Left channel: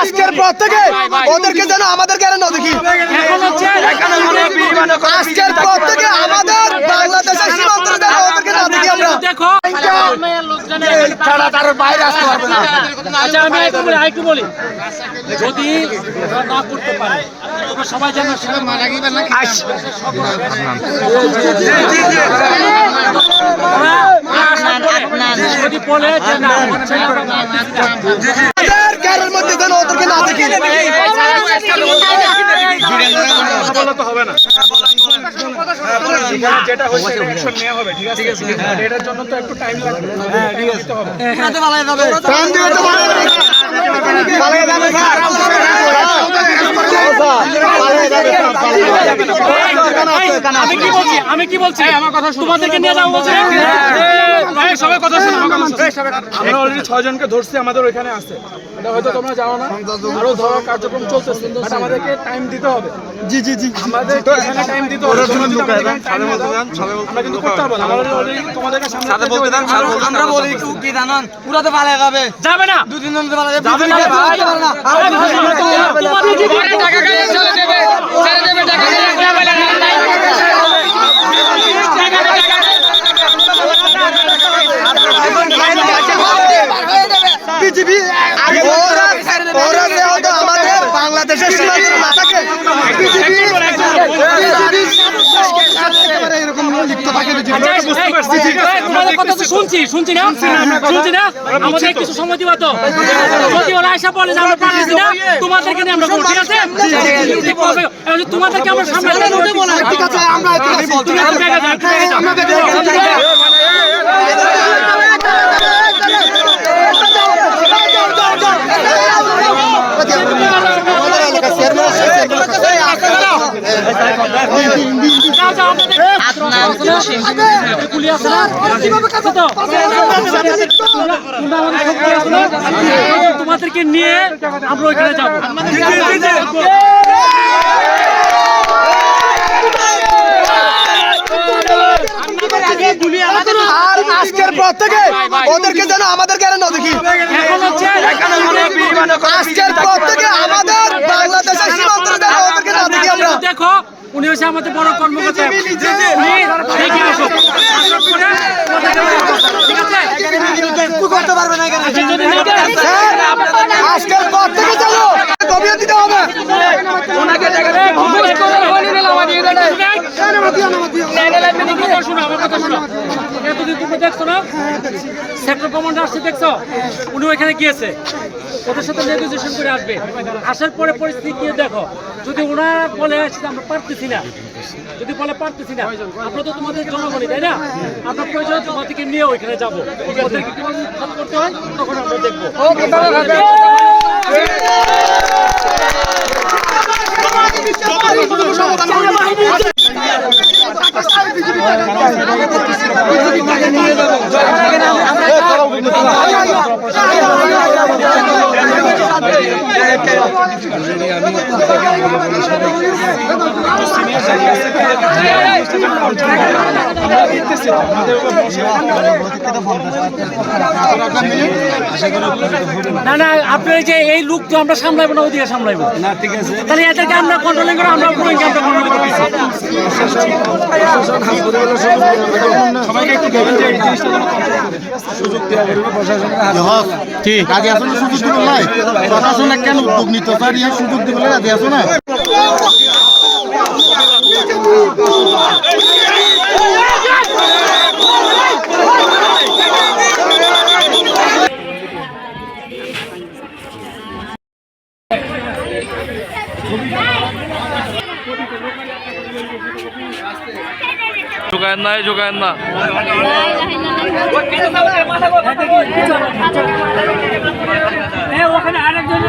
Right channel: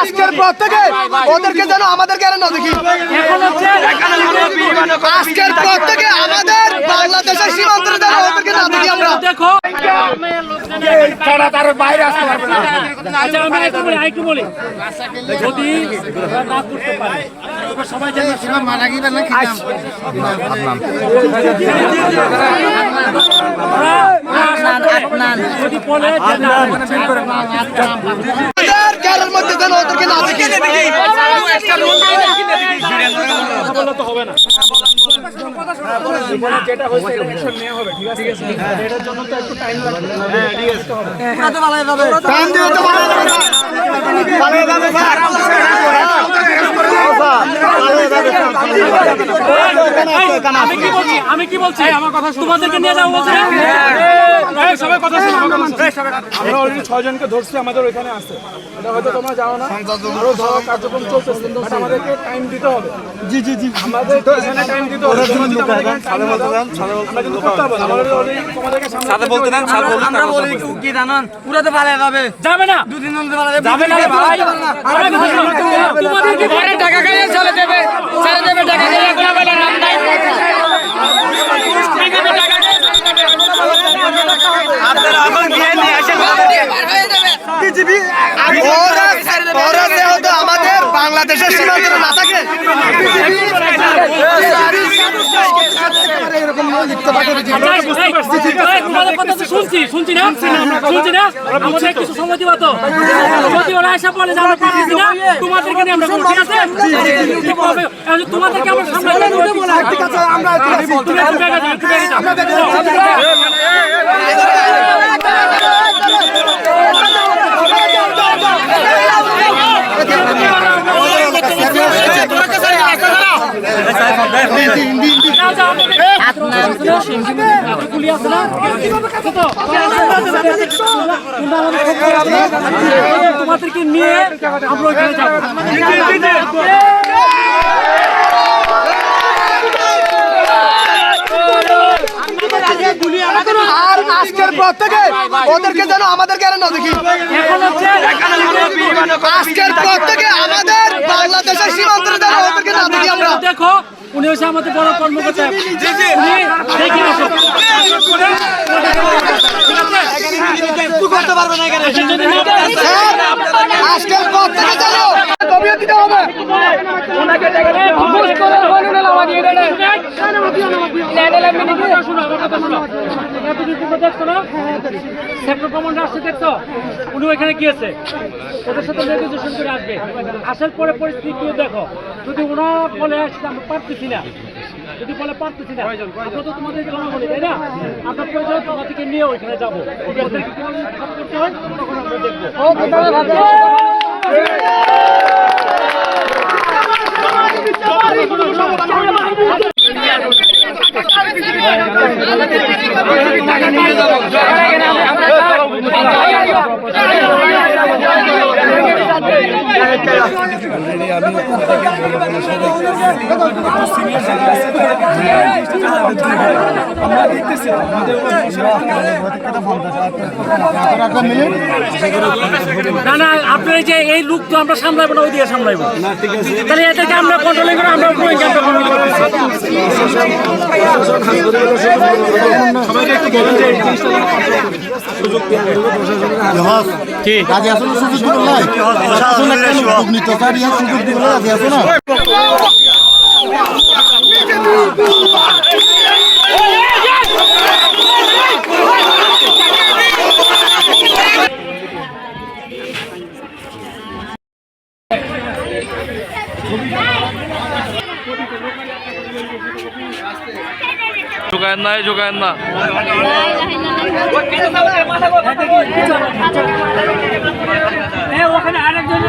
আজকের পর থেকে ওদেরকে যেন আমাদের কেন না দেখি। আজকের পর থেকে আমাদের বাংলাদেশের সীমান্তে ওদেরকে না দেখি আমরা। দেখো ছাড়া তার বাইরে আসতে পারবে না। আচ্ছা আমি একটু বলি যদি না করতে পারে সবাই যেন যদি বলে মধ্যে যেন ওদেরকে না দেখি। তো হবে না, যেটা হয়েছে এটা অ্যাকশন নেওয়া হবে, ঠিক আছে? এটার জন্য তো একটু টাইম লাগবে, ঠিক আছে? আমি কি বলছি আমার কথা তোমাদেরকে নিয়ে যাবো বলছি সবাই কথা শোনো, আমরা অলরেডি 6 জনকে ধরছি, আমাদের ওইখানে আছে, এটা হয়তো তোমরা জানো না, আরো ধরার কার্যক্রম চলতেছে, বাট আমাদেরকে টাইম দিতে হবে। জি জি জি, আমাদের এখানে টাইম দিতে হবে, আমরা কিন্তু করতে হবে না, আমরা অলরেডি তোমাদেরকে সামনে আমরা বলি কি জানেন, পুরাতে পালা যাবে না, দুদিন ধরে পালা যাবে না, তোমাদের কি টাকা গায়ে চলে যাবে, টাকা আমাদের বাংলাদেশের সীমান্তে না থাকে শুনছি না আমাদের কিছু সময় দিবা তো, যদি ওরা এসে বলে যে আমরা পারছি না তোমাদেরকে নিয়ে আমরা ঠিক আছে, তোমাদেরকে আমরা সামনে ঠিক আছে আমরা তোমাদেরকে নিয়ে আমরা ওইখানে যাবো। আজকের পর থেকে ওদেরকে যেন আমাদের কেন না দেখি। আজকের পর থেকে আমাদের বাংলাদেশের সীমান্তে ওদেরকে না দেখি আমরা। দেখো উনি হচ্ছে আমাদের বড় কর্মকর্তা, উনি দেখে আসো ঠিক আছে, করতে পারবে না কেন? আজকের পর থেকে যেন গভীর দিতে হবে। এতদিন তোমরা দেখছো না সেক্টর কমান্ডার আসছে, দেখছো উনি ওইখানে গিয়েছে, ওদের সাথে নেগোসিয়েশন করে আসবে, আসার পরে পরিস্থিতি কি দেখো, যদি ওনারা বলে আসছে আমরা পারতেছি না, যদি বলে পারতেছি না, আমরা তো তোমাদের জনগণই তাই না, আমরা প্রয়োজন তোমাদেরকে নিয়ে ওইখানে যাবো, ওদেরকে কিভাবে উৎখাত করতে হয় তখন আমরা দেখবো। না না আপনার যে এই লুক তো আমরা সামলাইবো না, ওই দিকে সামলাইবো না, ঠিক আছে, তাহলে এদেরকে আমরা কন্ট্রোলিং করে আমরা সবাইকে একটু সুযোগ দেওয়া করবে প্রশাসনের হাতে। রাজি আসলে সুযোগ দিবে না, প্রশাসন কেন উদ্যোগ নিতে পারি আর সুযোগ দিবে রাজি আছো না। যোগায়েন না ওখানে আরেকজন